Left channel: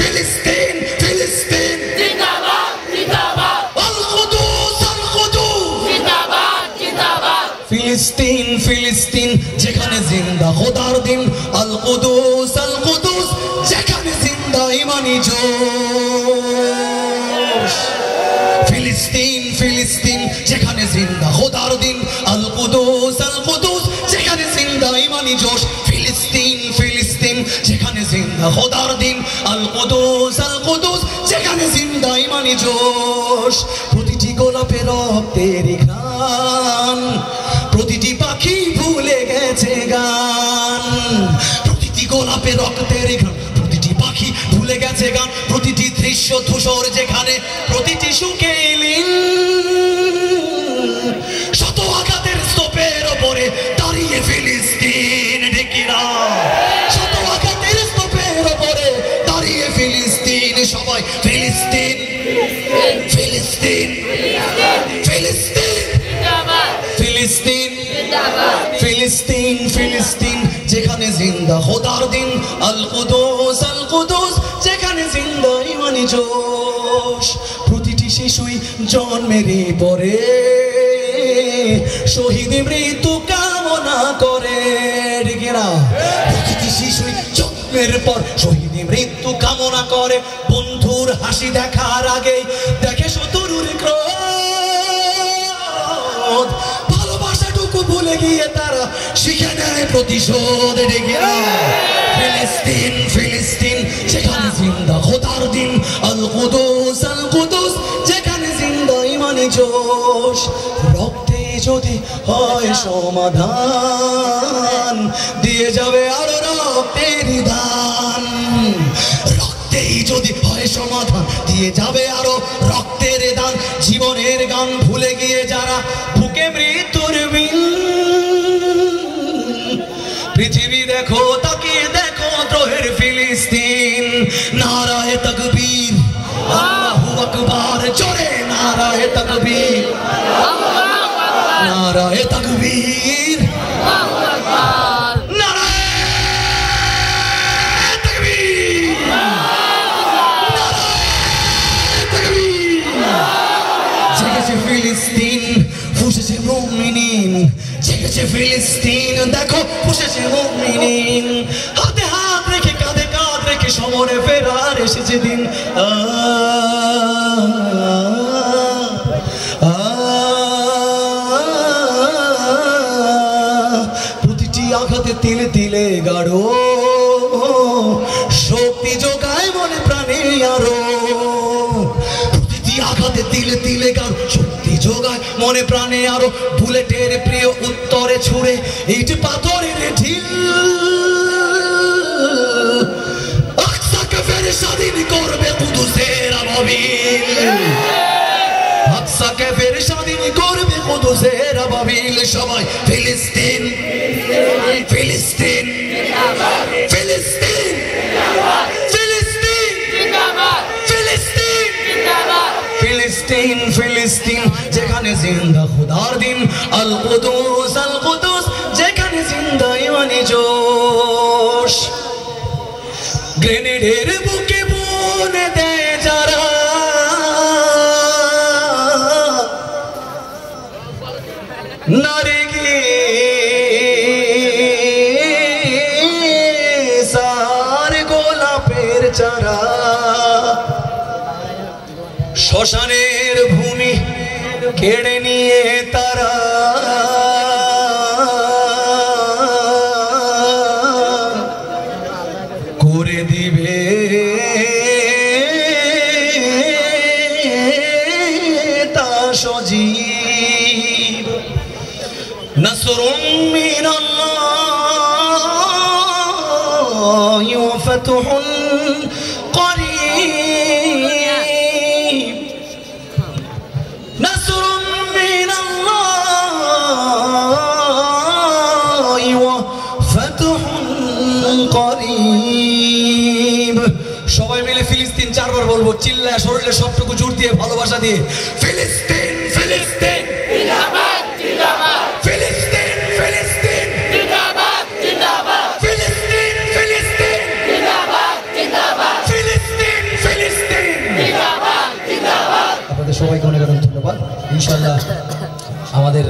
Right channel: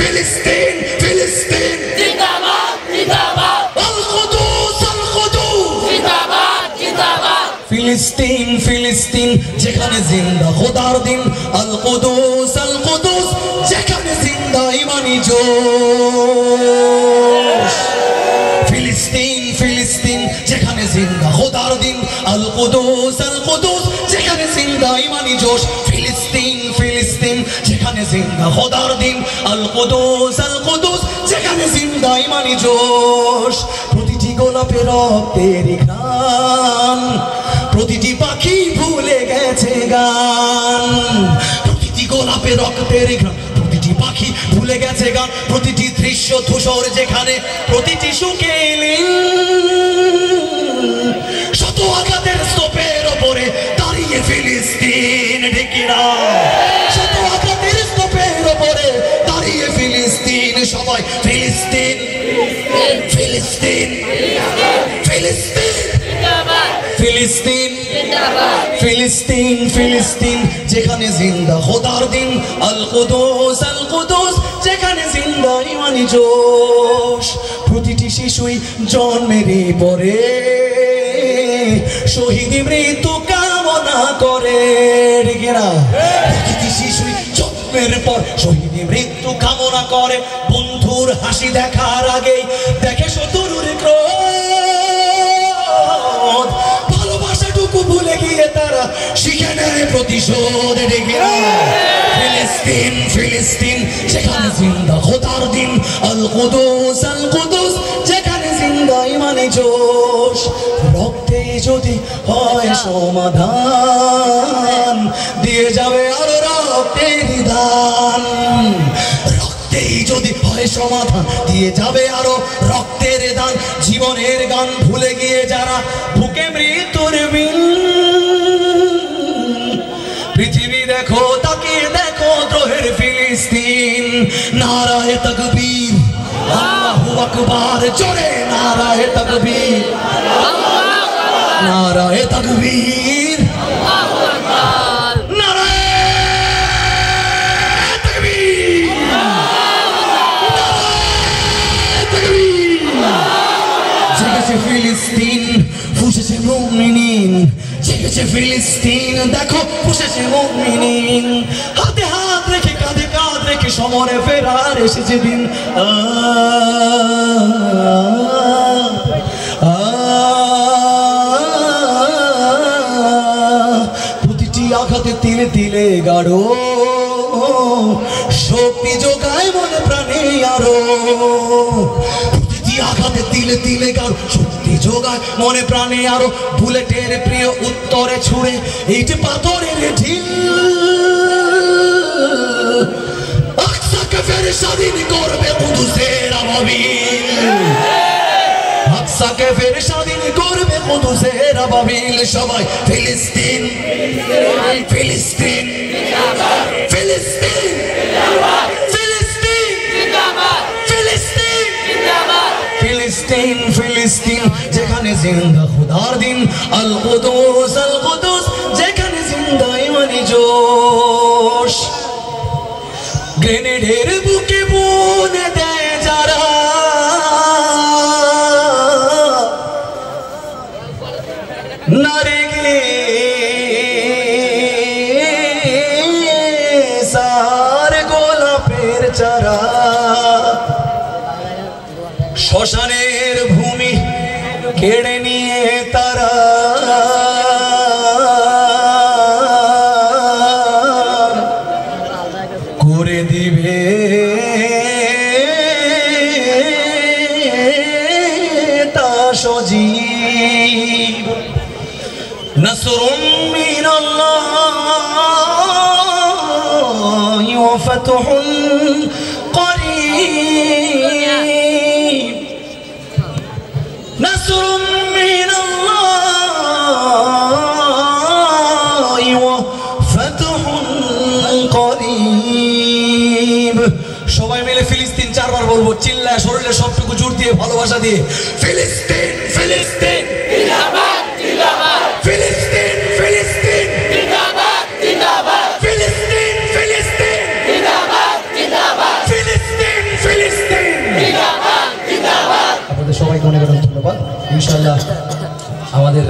ফিলিস্তিন ফিলিস্তিন জিন্দাবাদ জিন্দাবাদ আল কুদুস জিন্দাবাদ জিন্দাবাদ ফিলিস্তিন ফিলিস্তিন যেখানে জিন্দা খোদার দিন আল কুদুস যেখানে জিন্দা ইমানি জোশ ফিলিস্তিন ফিলিস্তিন যেখানে জিন্দা খোদার দিন আল কুদুস যেখানে জিন্দা ইমানি জোশ ফিলিস্তিন ফিলিস্তিন যেখানে জিন্দা খোদার দিন আল কুদুস যেখানে জিন্দা ইমানি জোশ প্রতিটি গোলাপের রক্তের ঘ্রাণ প্রতিটি পাখি ভুলে গেছে গান প্রতিটি গোলাপের রক্তের ঘ্রাণ প্রতিটি পাখি ভুলে গেছে গান প্রতিটি দৃশ্য ধূসর যেখানে প্রতিটি সুখে শত আঘাতের স্তূপের ওপরে দাঁড়িয়ে ফিলিস্তিন ঢেকিরা শত আঘাতের স্তূপের ওপরে দাঁড়িয়ে ফিলিস্তিন সবাই ফিলিস্তিন ফিলিস্তিন ফিলিস্তিন ফিলিস্তিন ফিলিস্তিন ফিলিস্তিন যেখানে জিন্দা খোদার দিন আল কুদুস যেখানে জিন্দা ইমানি জোশ প্রতিটি শিশুই জন্মের পরে শহীদ মৃত্যু কামনা করে না প্রতিটি শিশুই জন্মের পর শহীদ মৃত্যু কামনা করে বন্ধুর হাসি দেখার আগে দেখে শত্রুর ক্রোধ ভালোবাসাটুকু ভুলে গিয়ে তারা শিখে নেয় প্রতিশোধ ডেকেরা ফিলিস্তিন ফিলিস্তিন যেখানে জিন্দা খোদার দিন আল কুদুস যেখানে জিন্দা ইমানি জোশ রক্তে যদি হয় সমাধান দিয়ে যাবে আরো রক্তের দান রক্তেই যদি হয় সমাধান দিয়ে যাবে আরো রক্তের দান জীবনের গান ভুলে গিয়ে যারা বুকে মৃত্যুর বিন পৃথিবী দেখো তাকিয়ে দেখো দ্রোহের ফিলিস্তিন নারায়ে তাকবীর আল্লাহু আকবার জোরে নারায়ে তাকবীর নারায়ে তাকবীর আল্লাহু আকবার নারায়ে তাকবীর নারায়ে তাকবীর জেগেছে ফিলিস্তিন ফুঁসেছে মুমিনিন জেগেছে ফিলিস্তিন দেখো ফুঁসেছে মুমিনিন হাতে হাত রেখে কাঁধে কাঁধ রেখে সমরে ফেরার এসেছে দিন প্রতিটি আঘাতে তিলে তিলে গাঢ় শক্তি যোগায় মনে প্রাণে আরো প্রতিটি আঘাতে তিলে তিলে গাঢ় শক্তি যোগায় মনে প্রাণে আরো বুলেটের প্রিয় উত্তরে ছুড়ে এই যে পাথরের ঢিল আকসাকে ফের স্বাধীন করবে কুদুসের আবাবিল আকসাকে ফের স্বাধীন করবে কুদুসের আবাবিল সবাই ফিলিস্তিন ফিলিস্তিন ফিলিস্তিন ফিলিস্তিন ফিলিস্তিন যেখানে জিন্দা খোদার দিন আল কুদুস যেখানে জিন্দা ইমানি জোশ গ্রেনেডের বুকে বুনে দেয় যারা নারীকে সার গোলাপের চারা শ্মশানের ভূমি কেড়ে নিয়ে তারা করে দিবে তা সজীব নসরুম মিনাল্লাহি ওয়া ফাতহুন করিব নসরুম মিনাল্লাহি ওয়া ফাতহুন করিব সবাই মিলে ফিলিস্তিন চারবার বলবো চিল্লায় শরীরে সবটুকু জোর দিয়ে ভালোবাসা দিয়ে ফিলিস্তিন ফিলিস্তিন জিন্দাবাদ জিন্দাবাদ ফিলিস্তিন ফিলিস্তিন জিন্দাবাদ জিন্দাবাদ ফিলিস্তিন ফিলিস্তিন জিন্দাবাদ জিন্দাবাদ ফিলিস্তিন আপনাদের সবাইকে অনেক অনেক ধন্যবাদ। ইনশাআল্লাহ আমাদের